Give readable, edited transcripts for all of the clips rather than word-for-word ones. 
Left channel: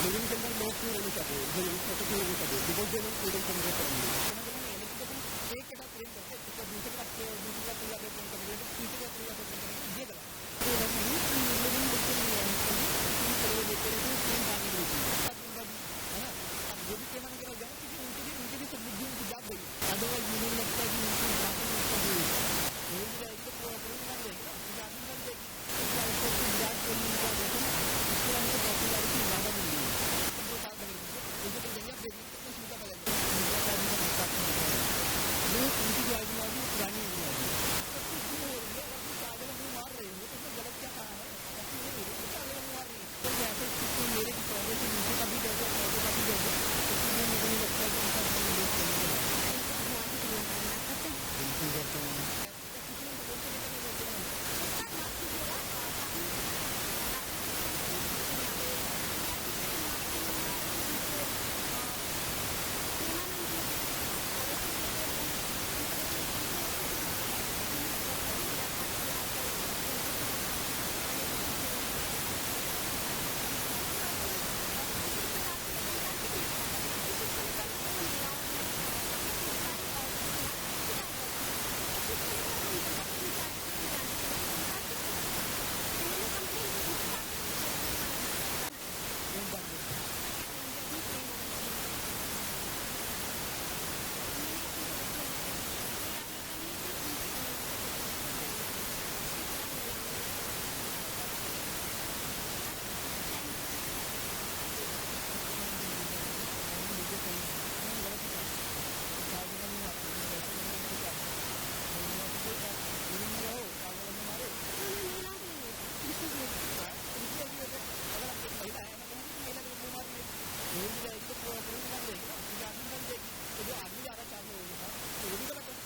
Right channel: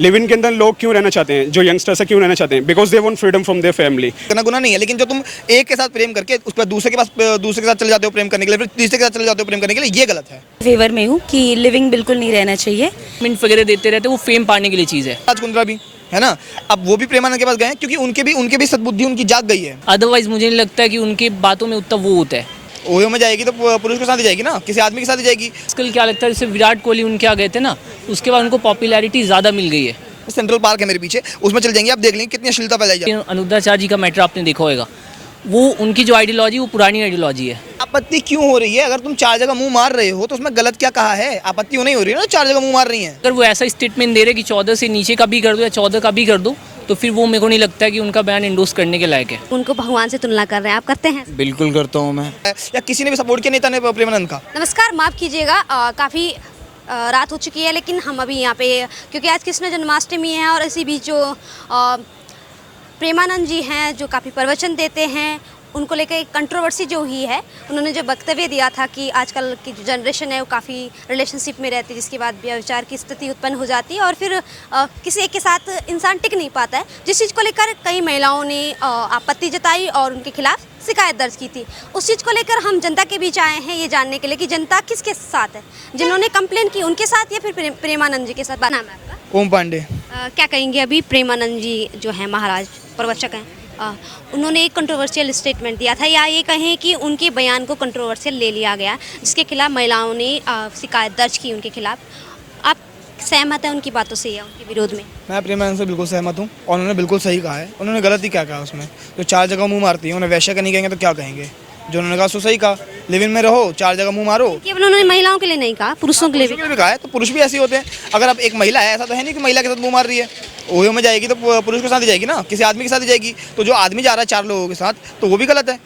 Live in के अंदर लोग क्यों रहना चाहते हैं, जो यंगस्टर्स है क्यों रहना चाहते हैं? Because they want freedom from their family. करना गुनाह नहीं है, लेकिन जो तुम एक के साथ प्रेम करके उस पर दूसरे के साथ चले जाते हो प्रेम करने के लिए, फिर तीसरे के साथ चले जाते हो प्रेम करने के लिए, ये गलत है। फेवर में हूँ कि लिविंग बिल्कुल नहीं रहना चाहिए। मिनट वगैरह देते रहते, वो फेम पाने के लिए चीज़ है। राज कुंद्रा भी है ना, अब वो भी प्रेमानंद के पास गए हैं क्योंकि उनके भी सद्बुद्धि उनकी जाग गई है। अदरवाइज मुझे नहीं लगता कि उनके बातों में उतना वो होता है। ओयो में जाएगी तो पुरुष के साथ ही जाएगी ना, किसी आदमी के साथ ही जाएगी। आजकल क्या लगता है, जैसे विराट कोहली उनके आ गए थे ना, उसके बाद उनको पॉपुलैरिटी ज़्यादा मिल गई है। सेंट्रल पार्क है मेरे पीछे, उसमें चल जाएंगे, आप देख लेंगे कितनी अश्लीलता फैलाई जाती है। अनुराधाचार्य जी का मैटर आपने देखा होगा, वो उनकी जो आइडियोलॉजी वो पुरानी आइडियोलॉजी है। आपत्ति क्यों हो रही है? अगर तुम 4 जगह मुंह मार रहे हो तो उसमें गलत क्या कहा है? आपत्ति क्यों नहीं हो रही है ना, 4 जगह मुंह मार रही है। अगर वो ऐसा स्टेटमेंट दे रहे कि 14 से नीचे का भी कर दो या 14 का भी कर दो, तो फिर वो मेरे को नहीं लगता है कि उनका बयान इंडोर्स करने के लायक है। उनको भगवान से तुलना कर रहे हैं, आप करते हैं? बिल्कुल करता हूँ मैं। या किसी ने भी सपोर्ट किया नेता ने प्रेमानंद का? नमस्कार, माफ़ कीजिएगा, काफ़ी रात हो चुकी है, लेकिन हम अभी यहाँ पे क्योंकि आज कृष्ण जन्माष्टमी है और इसी बीच जो प्रेमानंद जी हैं जो काफ़ी प्रवचन देते हैं, उनको लेकर एक कंट्रोवर्सी जो हुई है। उन्होंने जो वक्तव्य दिया था कि आजकल की जो जनरेशन है वो काफ़ी रिलेशनशिप में रहती है, जिसके बाद व्यभिचार की स्थिति उत्पन्न हो जाती है और फिर किसी एक के साथ इंसान टिक नहीं पाता है, जिस चीज़ को लेकर कई महिलाओं ने आपत्ति जताई और उनके खिलाफ शिकायत दर्ज की थी। उस चीज़ को लेकर हम जनता के बीच आए हैं ये जानने के लिए कि जनता किसके साथ है, जिन्होंने कंप्लेन की उनके साथ या फिर प्रेमानंद जी के साथ। नाम है आपका? ओम पांडे। क्या कहेंगे, अभी प्रेमानंद जी जो हैं महाराज प्रवचक हैं, उन्होंने एक कंट्रोवर्शियल स्टेटमेंट दिया था, या ये कहें कि उनके बयान को कंट्रोवर्शियल ले लिया गया, जिसके खिलाफ महिलाओं ने शिकायत दर्ज की उनके खिलाफ। आप सहमत हैं उनकी बातों से या उनके विरोध में? मैं प्रेमानंद से बिल्कुल सहमत हूँ और उन्होंने बिल्कुल सही कहा है। उन्होंने गलत ही क्या कहा उसमें? तो 4 जगह मुँह मारती है, उन्हें वैश्य का नहीं कहेंगे तो क्या कहेंगे? जो उन्होंने कहा सो सही कहा, लिव इन में रहो, 4 जगह मुँह मारो। केवल उन्होंने महिलाओं के लिए नहीं कहा, पुरुषों के लिए भी कहा है। तो पुरुष भी ऐसे होते हैं। अगर अब एक महिला है, ऐसा तो है नहीं कि महिला के साथ मुँह मार रही है। ओयो में जाएगी तो पुरुष के साथ ही जाएगी ना, किसी आदमी के साथ ही जाएगी। तो जो आदमी जा रहा है 4 लोगों के साथ, तो वो भी गलत है।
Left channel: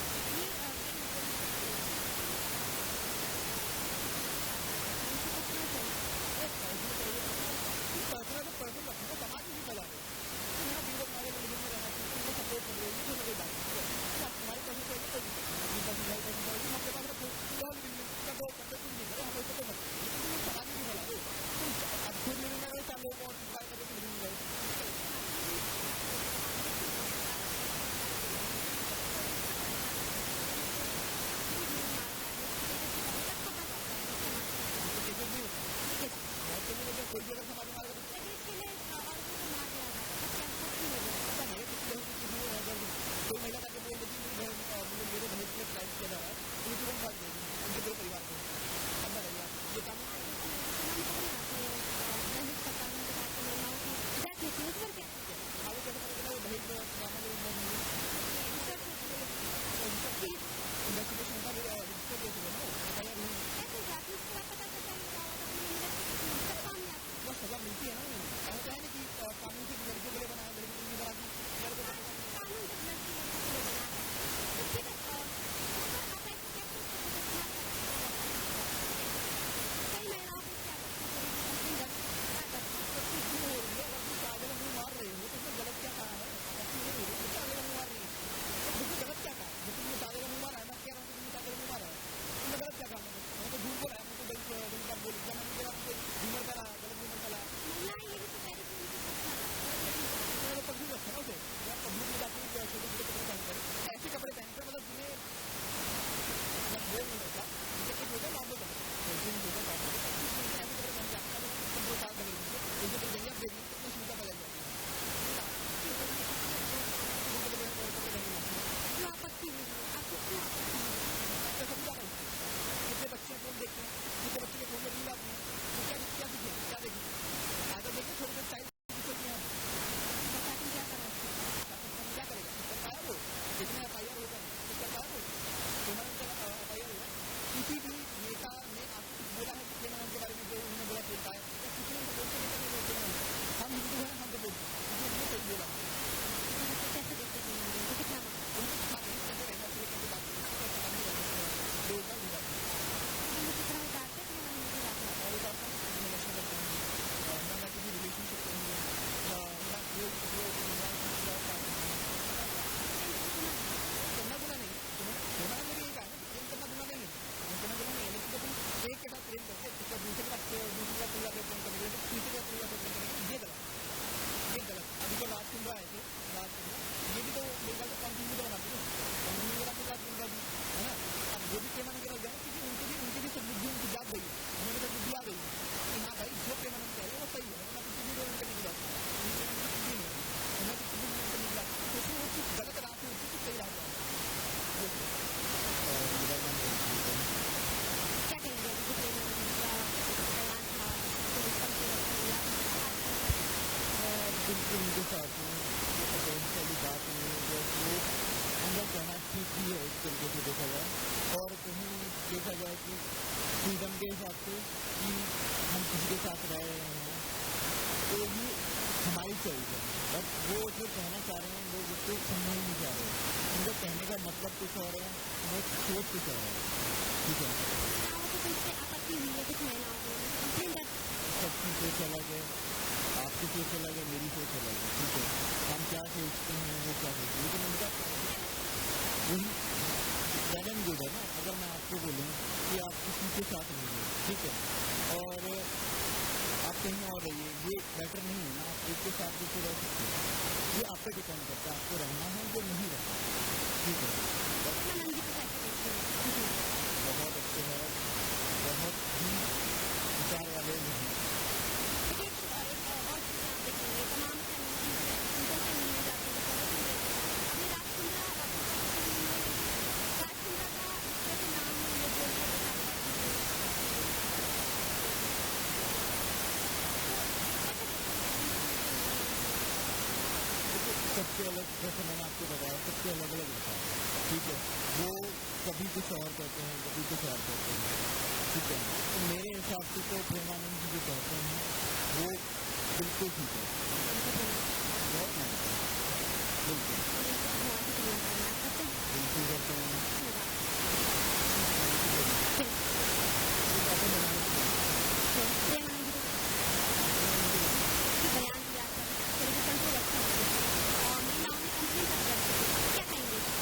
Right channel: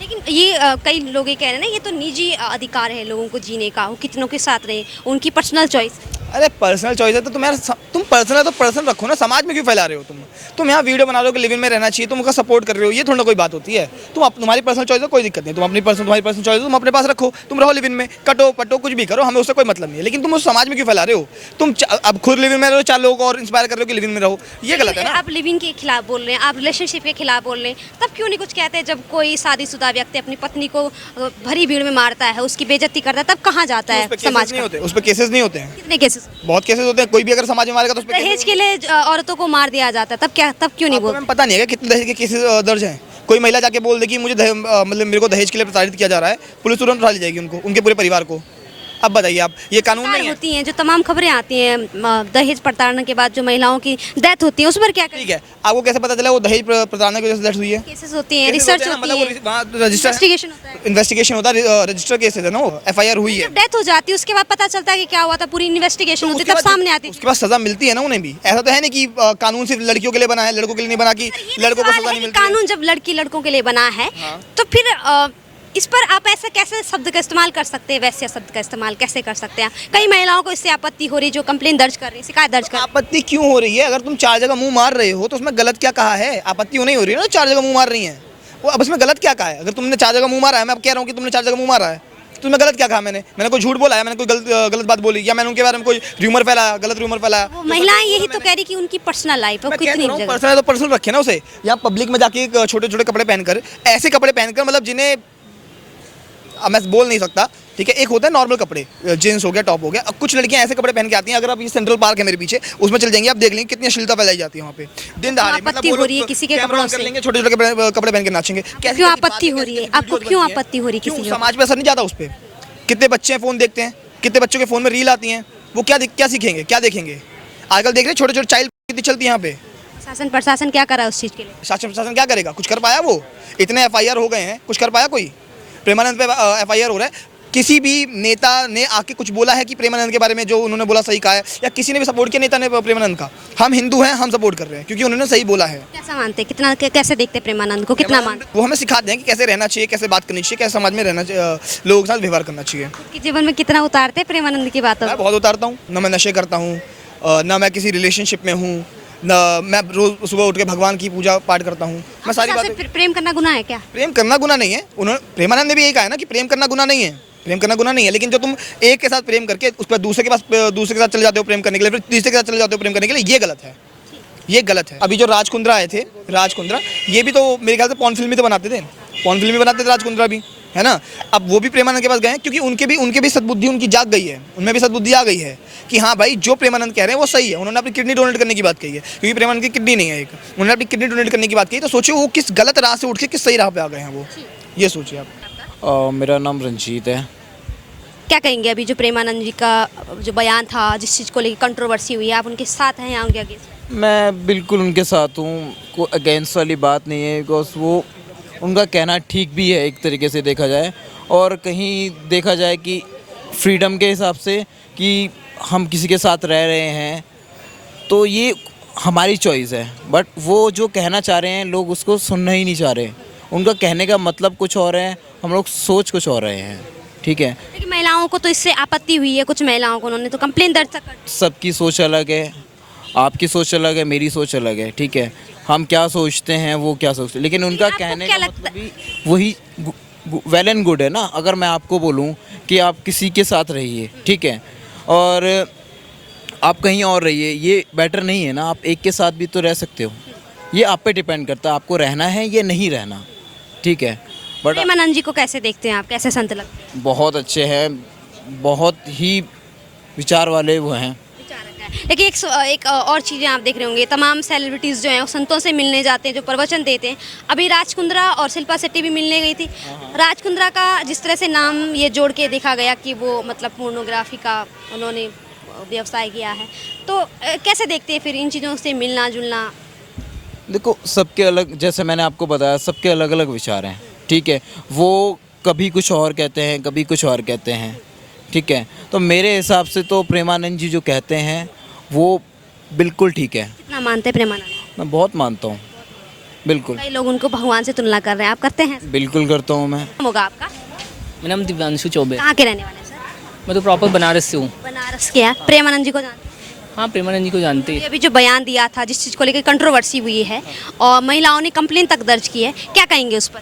लेकिन ये कई लोग ये कह रहे हैं ना, ये तो निजी अधिकार है लोगों को जीने का, वो कितनों के साथ रहे, उनकी पर्सनल चॉइस। अरे पर्सनल चॉइस है तो तुम पर्सनल है तो पर्सनल रखो ना, समाज में क्यों फैला रहे हो? तुम यहाँ वीडियो बना रहे हो कि लिव इन में रहना चाहिए, तुम उनका सपोर्ट कर रहे हो, ये थोड़ा कोई बात होती है? तुम्हारी पर्सनल चॉइस है, कोई दिक्कत नहीं, तुम्हारी पर्सनल चॉइस तुम अपने पास रखो, तुम रहो लिव इन में, कटो पटो कुछ भी करो, हमें उससे कोई मतलब नहीं है। लेकिन तुम उस समाज में क्यों फैला रहे हो? तुम अब खुद लिव इन में रहो, 4 लोगों को और इंस्पायर कर रहे हो कि लिव इन में रहो, ये गलत है ना। आप लिव इन के खिलाफ बोल रहे हैं, आप रिलेशनशिप के खिलाफ बोल रहे हैं, तब क्यों नहीं कुछ कहते? जब कोई शादीशुदा व्यक्ति अपनी पत्नी को भरी भीड़ में मारता है, उसकी बेइज्जती करता है, तब कहाँ जाता है समाज में? उस पर केसेस नहीं होते हैं? कितने केसेस? बहुत केसेस होते हैं। कोई भी अगर समाज में मारेगा तो उस पर दहेज के लिए औरतों को मार दिया जाता है, तब क्यों नहीं बोलते? पता नहीं है कितने दहेज के केसेस दर्ज हैं। कोई महिला जाके बोल दे कि मुझे मतलब मेरे को दहेज के लिए प्रताड़ित किया जा रहा है, पुलिस तुरंत उठा ली जाएगी उनको, उनके पूरे परिवार को। अब बताइए आप, ये कानून नहीं होती हैं जो तमाम खबरें आती हैं दहेज प्रताड़ना के बाद जो महिलाओं की डेथ होती है, उस पर क्या? ठीक है, आपको कैसे पता चला वो दहेज प्रताड़ना की वजह से डेथ हुई है? केसेस होती हैं, रिसर्च होती है, इन्वेस्टिगेशन होता है, रजिस्टर केसेस है ना, वो FIR हुई है। डेथ हो जाती है उसके बाद पता चलता है कि क्या हुआ था, पूरी इन्वेस्टिगेशन होती है, तब सामने आती है, उसके बाद सजा मिलती है ना उन्हें भी। ऐसा तो है नहीं कि कानून सिर्फ लड़कियों के लिए बना है, लड़कों के लिए नहीं बना कि लड़कों को सजा नहीं मिलती। कानून जब लड़कों के लिए बना है तो फिर इस पर आप ऐसा कैसे शब्द का इस्तेमाल कर सकते हैं? वैसे शब्द का इस्तेमाल कैसे कर सकते हैं? कई महिलाओं को इससे आपत्ति हो रही है जो कंप्लेन दर्ज कर रही है, शिकायत दर्ज कर। आपत्ति क्यों हो रही है? अगर तुम 4 जगह मुंह मार रहे हो तो उसमें गलत क्या कहा है? आपत्ति नहीं हो रही है ना, 4 जगह मुंह मार रही है, वो अब उसमें गलत क्या कहा है? अगर तुमने 4 जगह मुंह मारा है, मैं अब कह रहा हूँ कि तुमने 4 जगह मुंह मारा है, तो मैं गलत क्या कहा? मैंने कोई झूठ बोला है? मैंने कोई गलत बात बोली, या मैंने उनके बारे में कोई र्यूमर फैलाया, गलत र्यूमर फैलाया? महिलाएं यही तो कह रही कि उनकी पर्सनल लाइफ है, कितनी पर्सनल है तो पर्सनल रखे ना उसे। या पब्लिक में जाके छोटे छोटे कपड़े पहनकर, ऐसे कपड़े पहनकर, मतलब जिन्हें अब मैं बोल नहीं सकता, ठीक है। एक होता है नॉर्मल कपड़े, जींस हो गया, टॉप हो गया। अब कुछ लड़कियां ऐसे कपड़े पहन के आती हैं, अगर आप ये सेंट्रल पार्क है मेरे पीछे, उसमें चल जाएंगे, आप देख लेंगे कितनी अश्लीलता फैलाई जाती है वहाँ पे दिन दहाड़े। आपत्ति हो रही है किसी के कपड़ों से, छोटे छोटे कपड़े पहन के नाचेंगे, क्यों आपत्ति हो रही है? आपको क्यों आपत्ति हो रही है? किसी समाज पे असर नहीं जाता उस पर? कितने बच्चे फ़ोन देखते हैं, कितने बच्चों के फ़ोन में रील आती हैं, वो क्या सीखेंगे, क्या देखेंगे? आजकल देख रहे हैं छोटे छोटे चाइल्ड कितनी चलती है यहाँ पे। शासन प्रशासन क्या करा उस चीज़ के लिए? शासन प्रशासन क्या करेगा? कुछ कर पाया? वो इतने FIR हो गए हैं, कुछ कर पाया कोई? प्रेमानंद पे FIR हो रहा है। किसी भी नेता ने आके कुछ बोला है कि प्रेमानंद के बारे में जो उन्होंने बोला सही कहा है? या किसी ने भी सपोर्ट किया नेता ने प्रेमानंद का? हम हिंदू हैं, हम सपोर्ट कर रहे हैं क्योंकि उन्होंने सही बोला है। कैसा मानते हैं, कितना कैसे देखते हैं प्रेमानंद को, कितना मानते? वो हमें सिखाते हैं कि कैसे रहना चाहिए, कैसे बात करनी चाहिए, कैसे समाज में रहना चाहिए, लोगों के साथ व्यवहार करना चाहिए। जीवन में कितना उतारते हैं प्रेमानंद की बातों? मैं बहुत उतारता हूँ ना, मैं नशे करता हूँ ना, मैं किसी रिलेशनशिप में हूँ ना, मैं रोज सुबह उठ के भगवान की पूजा पाठ करता हूँ। मैं सारी बातें। प्रेम करना गुनाह है क्या? प्रेम करना गुनाह नहीं है। उन्होंने प्रेमानंद ने भी यही कहा है ना कि प्रेम करना गुनाह नहीं है। प्रेम करना गुनाह नहीं है, लेकिन जो तुम एक के साथ प्रेम करके उस पर दूसरे के साथ चले जाते हो प्रेम करने के लिए, फिर तीसरे के साथ चले जाते हो प्रेम करने के लिए, ये गलत है, ये गलत है। अभी जो राज कुंद्रा आए थे, राज कुंद्रा, ये भी तो मेरे ख्याल से पॉर्न फिल्म ही तो बनाते थे, पॉर्न फिल्म ही बनाते थे राज कुंद्रा भी, है ना। अब वो भी प्रेमानंद के पास गए हैं क्योंकि उनके भी सद्बुद्धि उनकी जाग गई है, उनमें भी सद्बुद्धि आ गई है कि हाँ भाई जो प्रेमानंद कह रहे हैं वो सही है। उन्होंने अपनी किडनी डोनेट करने की बात कही है क्योंकि प्रेमानंद की किडनी नहीं है एक, उन्होंने अपनी किडनी डोनेट करने की बात कही, तो सोचिए वो किस गलत राह से उठ के किस सही राह पे आ गए हैं वो, ये सोचिए आप। मेरा नाम रंजीत है। क्या कहेंगे अभी जो प्रेमानंद जी का जो बयान था, जिस चीज़ को लेकर कंट्रोवर्सी हुई है, आप उनके साथ हैं या उनके अगेंस्ट? मैं बिल्कुल उनके साथ हूँ, कोई अगेंस्ट वाली बात नहीं है, बिकॉज वो उनका कहना ठीक भी है एक तरीके से देखा जाए, और कहीं देखा जाए कि फ्रीडम के हिसाब से कि हम किसी के साथ रह रहे हैं तो ये हमारी चॉइस है, बट वो जो कहना चाह रहे हैं लोग उसको सुनना ही नहीं चाह रहे। उनका कहने का मतलब कुछ और है, हम लोग सोच कुछ और रहे हैं, ठीक है। लेकिन महिलाओं को तो इससे आपत्ति हुई है, कुछ महिलाओं को, उन्होंने तो कंप्लेन दर्ज कर। सबकी सोच अलग है, आपकी सोच अलग है, मेरी सोच अलग है, ठीक है। हम क्या सोचते हैं वो क्या सोचते हैं, लेकिन उनका आपको कहने क्या का लगता मतलब भी वही वेल एंड गुड है ना। अगर मैं आपको बोलूं कि आप किसी के साथ रहिए, ठीक है, और आप कहीं और रहिए, ये बेटर नहीं है ना। आप एक के साथ भी तो रह सकते हो, ये आप पे डिपेंड करता है आपको रहना है या नहीं रहना, ठीक है। बट प्रेमानंद जी को कैसे देखते हैं आप, कैसे संत लगते हैं? बहुत अच्छे हैं, बहुत ही विचार वाले वो हैं। देखिए एक और चीज़ें आप देख रहे होंगे, तमाम सेलिब्रिटीज़ जो हैं वो संतों से मिलने जाते हैं, जो प्रवचन देते हैं। अभी राज कुंद्रा और शिल्पा शेट्टी भी मिलने गई थी। राज कुंद्रा का जिस तरह से नाम ये जोड़ के देखा गया कि वो मतलब पोर्नोग्राफी का उन्होंने व्यवसाय किया है, तो कैसे देखते हैं फिर इन चीज़ों से मिलना जुलना? देखो सबके अलग, जैसे मैंने आपको बताया, सबके अलग अलग विचार हैं, ठीक है। वो कभी कुछ और कहते हैं, कभी कुछ और कहते हैं, ठीक है। तो मेरे हिसाब से तो प्रेमानंद जी जो कहते हैं वो बिल्कुल ठीक है। कितना मानते हैं प्रेमानंद? मैं बहुत मानता हूँ, बिल्कुल। कई लोग उनको भगवान से तुलना कर रहे हैं, आप करते हैं? बिल्कुल करता हूँ मैं। नाम होगा आपका? मेरा नाम दिव्यांशु चौबे। कहाँ के रहने वाले हैं? मैं तो प्रॉपर बनारस से हूँ। बनारस के हैं। प्रेमानंद जी को जानते हैं? हाँ, प्रेमानंद जी को जानते हैं। अभी जो बयान दिया था, जिस चीज़ को लेकर कंट्रोवर्सी हुई है और महिलाओं ने कंप्लेन तक दर्ज की है, क्या कहेंगे उस पर?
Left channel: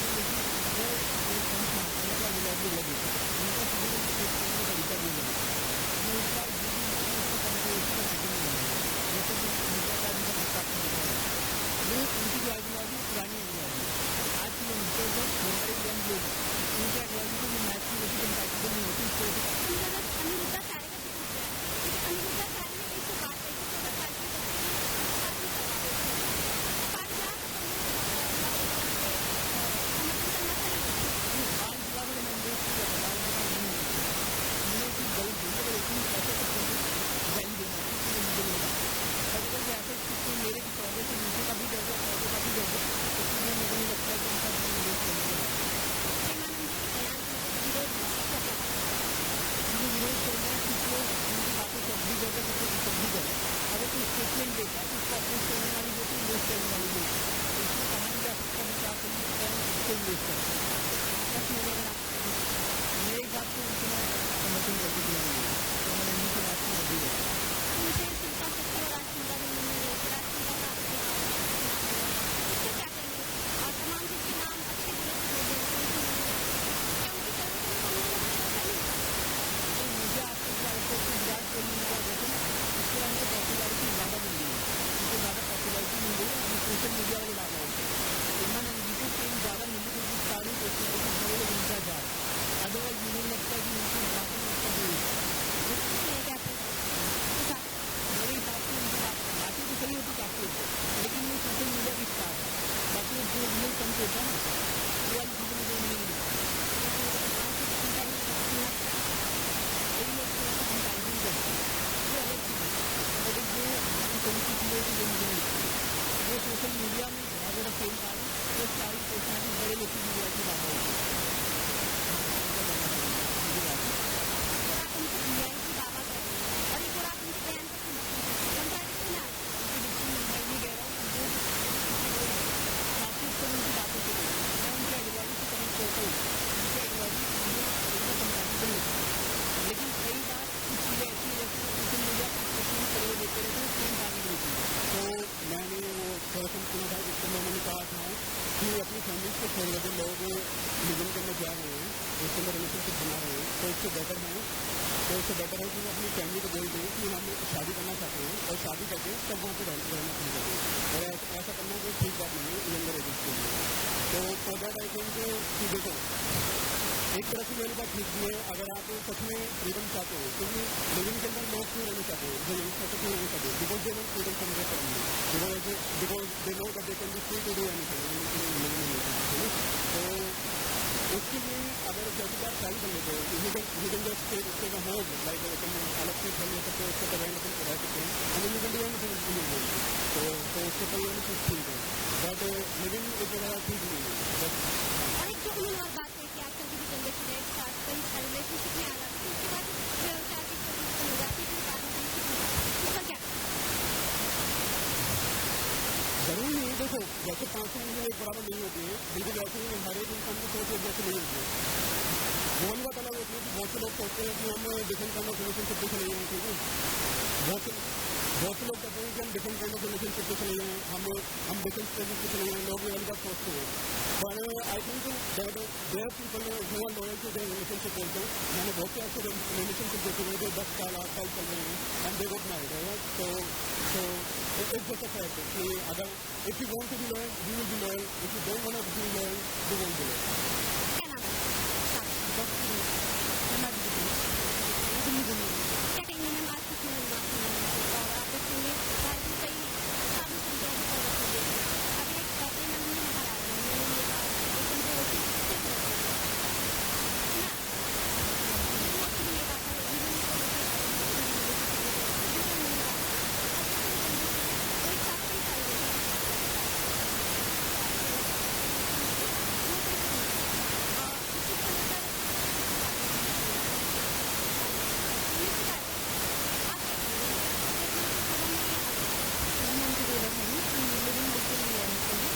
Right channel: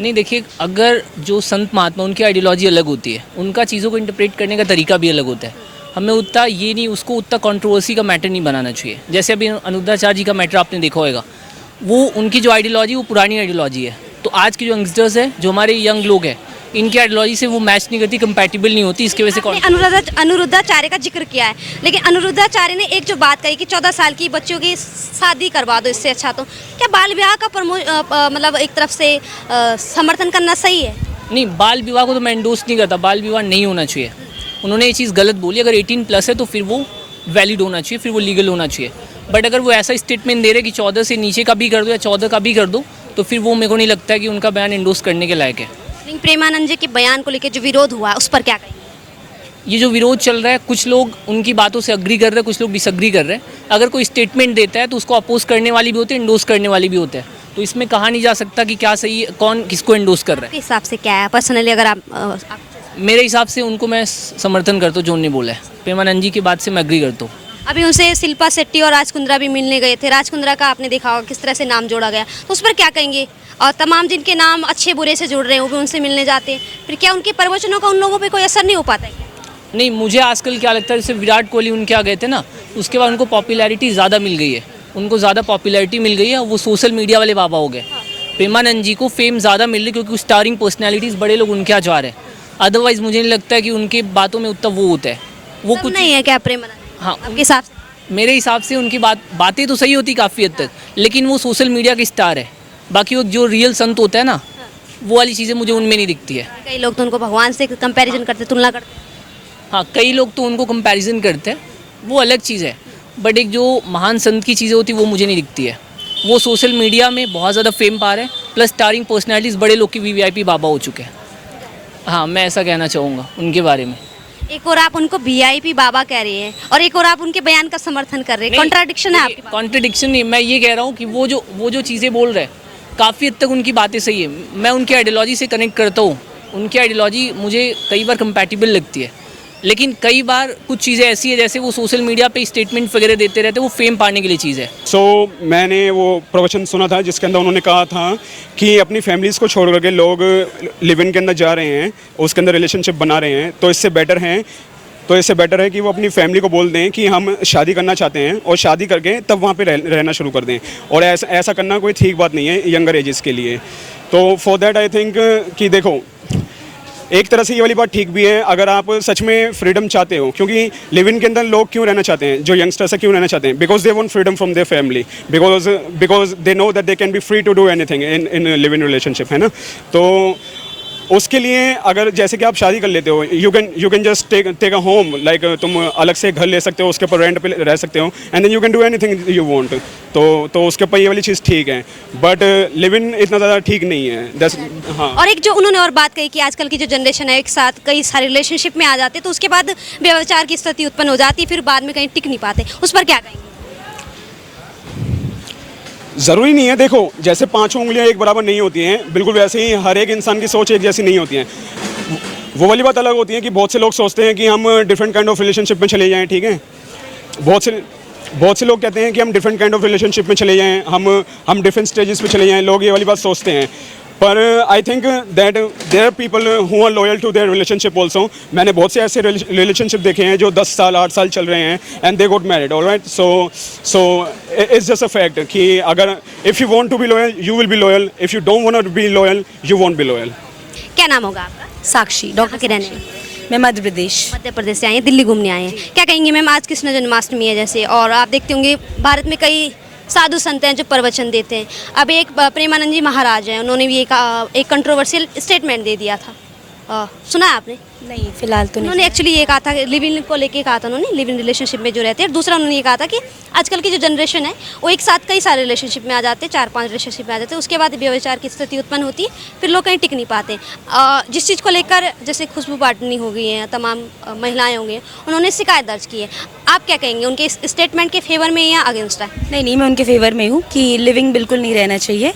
नहीं देखिए, अगर जो संत महात्मा, उनकी आइडियोलॉजी अलग होती है, उनका चीज़ों को इंटरप्रेट करने का तरीका भी अलग होता है। हमें उतना ये नहीं, उसको उतना कंट्रोवर्सी का मैटर नहीं बनाना चाहिए। जैसे अभी अनिरुद्धाचार्य जी का मैटर आपने देखा होगा, वो उनकी जो आइडियोलॉजी वो पुरानी आइडियोलॉजी है। तो आज के जो यंगस्टर्स है, जो हमारे यंग लोग हैं, इनकी आइडियोलॉजी से वो मैच नहीं करती, कंपैटिबल नहीं होती। इसकी वजह से अनिरुद्धाचार्य का जिक्र किया है, लेकिन अनिरुद्धाचार्य ने एक जो बात कही कि 14 साल की बच्चियों की शादी करवा दो, इससे अच्छा तो क्या बाल विवाह का मतलब एक तरफ से समर्थन करना सही है? नहीं, बाल विवाह को तो मैं इंडोर्स नहीं करता, बाल विवाह नहीं होना चाहिए। उन्होंने ये चीज़ गलत बोली। अगर 18+ है तो फिर वो वैलिड होना चाहिए, फिर वो लीगल होना चाहिए। बट अगर वो ऐसा स्टेटमेंट दे रहे कि 14 से नीचे का भी कर दो या 14 का भी कर दो, तो फिर वो मेरे को नहीं लगता है कि उनका बयान इंडोर्स करने के लायक है। नहीं, प्रेमानंद जी के बयान को लेकर जो विरोध हुआ उस पर क्या कहें? ये जो विरोध चल रहा है, कुछ लोग उनकी बातों से अग्री कर रहे हैं, कुछ लोग डिसअग्री कर रहे हैं। अगर कोई स्टेटमेंट देता है तो उसको अपोज करने वाली भी होती है, इंडोर्स करने वाली भी होते हैं। तो इसमें कहा नहीं जा सकता कि क्या सही है, कौन किसको इंडोर्स कर रहा है। आपके हिसाब से क्या है पर्सनली? अगर आप मेरे हिसाब से उनको मैं समर्थन करता हूँ जो उन्होंने बोला है। प्रेमानंद जी की बात से मैं अग्री करता हूँ। अभी उनसे शिल्पा शेट्टी और राज कुंद्रा भी मिलने गए थे। राज कुंद्रा का आपने देखा होगा किस तरह से नाम जोड़ा गया, उस पर क्या कहेंगे? और तमाम जिनके नाम अच्छे बुरे से जुड़ रहे हैं वो भी उनसे मिलने जाते हैं, फिर क्या उनके प्रवचनों का उन लोगों पे कोई असर नहीं हो पाता है? नहीं, मुझे आजकल क्या लगता है, जैसे विराट कोहली उनके आ गए थे ना, उसके बाद उनको पॉपुलैरिटी ज़्यादा मिल गई है, उनको ज़्यादा पॉपुलैरिटी मिल गई है, वो सोशल मीडिया वाले बाबा हो गए। प्रेमानंद जी को फेम ज़्यादा मिल रही है क्योंकि स्टारिंग पर्सनैलिटीज़ बड़े लोग उनके यहाँ जा रहे हैं। अदरवाइज़ मुझे नहीं लगता है कि उनकी बातों में उतना वो होता है, वो कुछ नहीं है क्या प्रेमानंद? हाँ, आपके साथ मेरे हिसाब से उनकी बातें तो सही होती काफ़ी हद तक, लेकिन वो सोशल मीडिया के स्टार है। बाकी वो जो रियल संत होता है ना, वो वाली चीज़ें मुझे उनमें नहीं दिखती है। कई लोग तो उनको भगवान से कंपैरिजन करते, तुलना करते। हाँ, कई लोग तो उनको कंपैरिजन करते हैं, वो अलग चीज़ है। बट एक जो महान संत की चीज़ें होती वो मुझे नहीं दिखती है। वो सोशल मीडिया में बहुत ज़्यादा फेम पा रहे हैं, प्लस स्टारिंग पर्सनैलिटीज़ बड़े लोग की VIP बाबा हो चुके हैं। हाँ, मैं ऐसा कहना चाहूँगा उनके बारे में। एक और आप उनको VIP बाबा कह रही हैं और एक और आप उनके बयान का समर्थन कर रहे हैं, कॉन्ट्राडिक्शन है आपके पास। कॉन्ट्रडिक्शन नहीं, मैं ये कह रहा हूँ कि वो जो चीज़ें बोल रहे हैं काफ़ी हद तक उनकी बातें सही है। मैं उनकी आइडियोलॉजी से कनेक्ट करता हूँ, उनकी आइडियोलॉजी मुझे कई बार कंपैटिबल लगती है। लेकिन कई बार कुछ चीज़ें ऐसी है जैसे वो सोशल मीडिया पे स्टेटमेंट वगैरह देते रहते हैं, वो फेम पाने के लिए चीज़ है। सो मैंने वो प्रवचन सुना था जिसके अंदर उन्होंने कहा था कि अपनी फैमिलीज़ को छोड़ करके लोग लिव इन के अंदर जा रहे हैं, उसके अंदर रिलेशनशिप बना रहे हैं, तो इससे बेटर है कि वो अपनी फैमिली को बोल दें कि हम शादी करना चाहते हैं और शादी करके तब वहाँ पे रहना शुरू कर दें। और ऐसा करना कोई ठीक बात नहीं है यंगर एजेस के लिए। तो फॉर दैट आई थिंक कि देखो, एक तरह से ये वाली बात ठीक भी है अगर आप सच में फ्रीडम चाहते हो, क्योंकि लिव इन के अंदर लोग क्यों रहना चाहते हैं, जो यंगस्टर्स है क्यों रहना चाहते हैं, because they want freedom from their family, because they know that they can be free to do anything in live in relationship, है ना। तो उसके लिए अगर जैसे कि आप शादी कर लेते हो, you can just take a home, like तुम अलग से घर ले सकते हो, उसके ऊपर रेंट पे रह सकते हो, and then you can do anything you want. तो उसके ऊपर ये वाली चीज़ ठीक है, बट लिव इन इतना ज़्यादा ठीक नहीं है। हाँ, और एक जो उन्होंने और बात कही कि आजकल की जो जनरेशन है एक साथ कई सारे रिलेशनशिप में आ जाते हैं, तो उसके बाद व्यभिचार की स्थिति उत्पन्न हो जाती है, फिर बाद में कहीं टिक नहीं पाते, उस पर क्या कहेंगे? ज़रूरी नहीं है, देखो जैसे पांचों उंगलियां एक बराबर नहीं होती हैं, बिल्कुल वैसे ही हर एक इंसान की सोच एक जैसी नहीं होती है। वो वाली बात अलग होती है कि बहुत से लोग सोचते हैं कि हम डिफरेंट काइंड ऑफ रिलेशनशिप में चले जाएं, ठीक है। बहुत से लोग कहते हैं कि हम डिफरेंट काइंड ऑफ रिलेशनशिप में चले जाएं, हम डिफरेंट स्टेजेस पे चले जाएं, लोग ये वाली बात सोचते हैं। पर I think that there are people who are loyal to their relationship also. मैंने बहुत से ऐसे रिलेशनशिप देखे हैं जो 10 साल 8 साल चल रहे हैं and they got married, alright. So it's just a fact कि अगर if you want to be loyal you will be loyal, if you don't want to be loyal you won't be loyal. क्या नाम होगा आपका? साक्षी doctor के रहने मैं मध्य प्रदेश। मध्य प्रदेश से आए हैं, दिल्ली घूमने आए हैं। क्या कहेंगे मैम, आज कृष्ण जन्माष्टमी है जैसे, और आप देखते होंगे भारत में कई साधु संत हैं जो प्रवचन देते हैं। अब एक प्रेमानंद जी महाराज हैं, उन्होंने भी एक कंट्रोवर्शियल स्टेटमेंट दे दिया था, सुना है आपने? नहीं, फिलहाल तो नहीं। उन्होंने एक्चुअली ये कहा था, लिव इन को लेके कहा था उन्होंने, लिव इन रिलेशनशिप में जो रहते हैं। दूसरा उन्होंने ये कहा था कि आजकल की जो जनरेशन है वो एक साथ कई सारे रिलेशनशिप में आ जाते हैं, 4-5 रिलेशनशिप में आ जाते हैं, उसके बाद व्यभिचार की स्थिति उत्पन्न होती है, फिर लोग कहीं टिक नहीं पाते। जिस चीज़ को लेकर जैसे खुशबू पाटनी हो गई हैं, तमाम महिलाएं होंगी, उन्होंने शिकायत दर्ज की है। आप क्या कहेंगे, उनके इस स्टेटमेंट के फेवर में या अगेंस्ट है? नहीं, मैं उनके फेवर में हूँ कि लिविंग बिल्कुल नहीं रहना चाहिए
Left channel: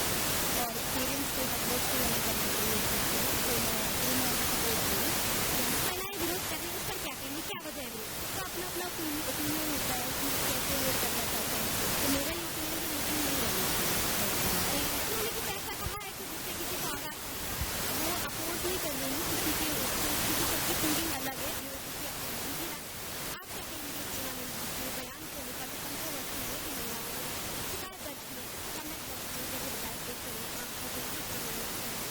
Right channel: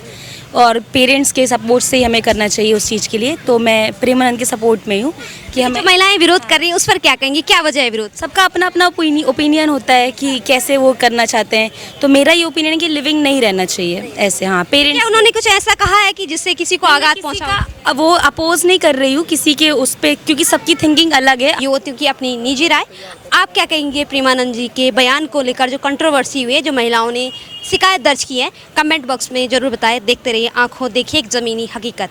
और पेरेंट्स के सपोर्ट से ही हमें करना चाहिए उस चीज़ के लिए। तो मैं प्रेमानंद के सपोर्ट में हूँ कि हमें। जो महिलाएं विरोध कर रही हैं उस पर क्या कहेंगी, क्या वजह है विरोध? सबका अपना अपना ओपिनियन होता है कि कैसे वो करना चाहते हैं। तो मेरा ये ओपिनियन है कि लिविंग नहीं रहना चाहिए ऐसे। हाँ, पेरेंट्स। क्या उन्होंने कुछ ऐसा कहा है कि जिससे किसी को आघात पहुंचा हो? अब वो अपोज नहीं कर रही हूँ किसी के उस पर, क्योंकि सबकी थिंकिंग अलग है। ये होती कि अपनी निजी राय। आप क्या कहेंगे प्रेमानंद जी के बयान को लेकर, जो कंट्रोवर्सी हुई है, जो महिलाओं ने शिकायत दर्ज की है? कमेंट बॉक्स में जरूर बताएं। देखते रहिए आंखों देखिए एक ज़मीनी हकीकत।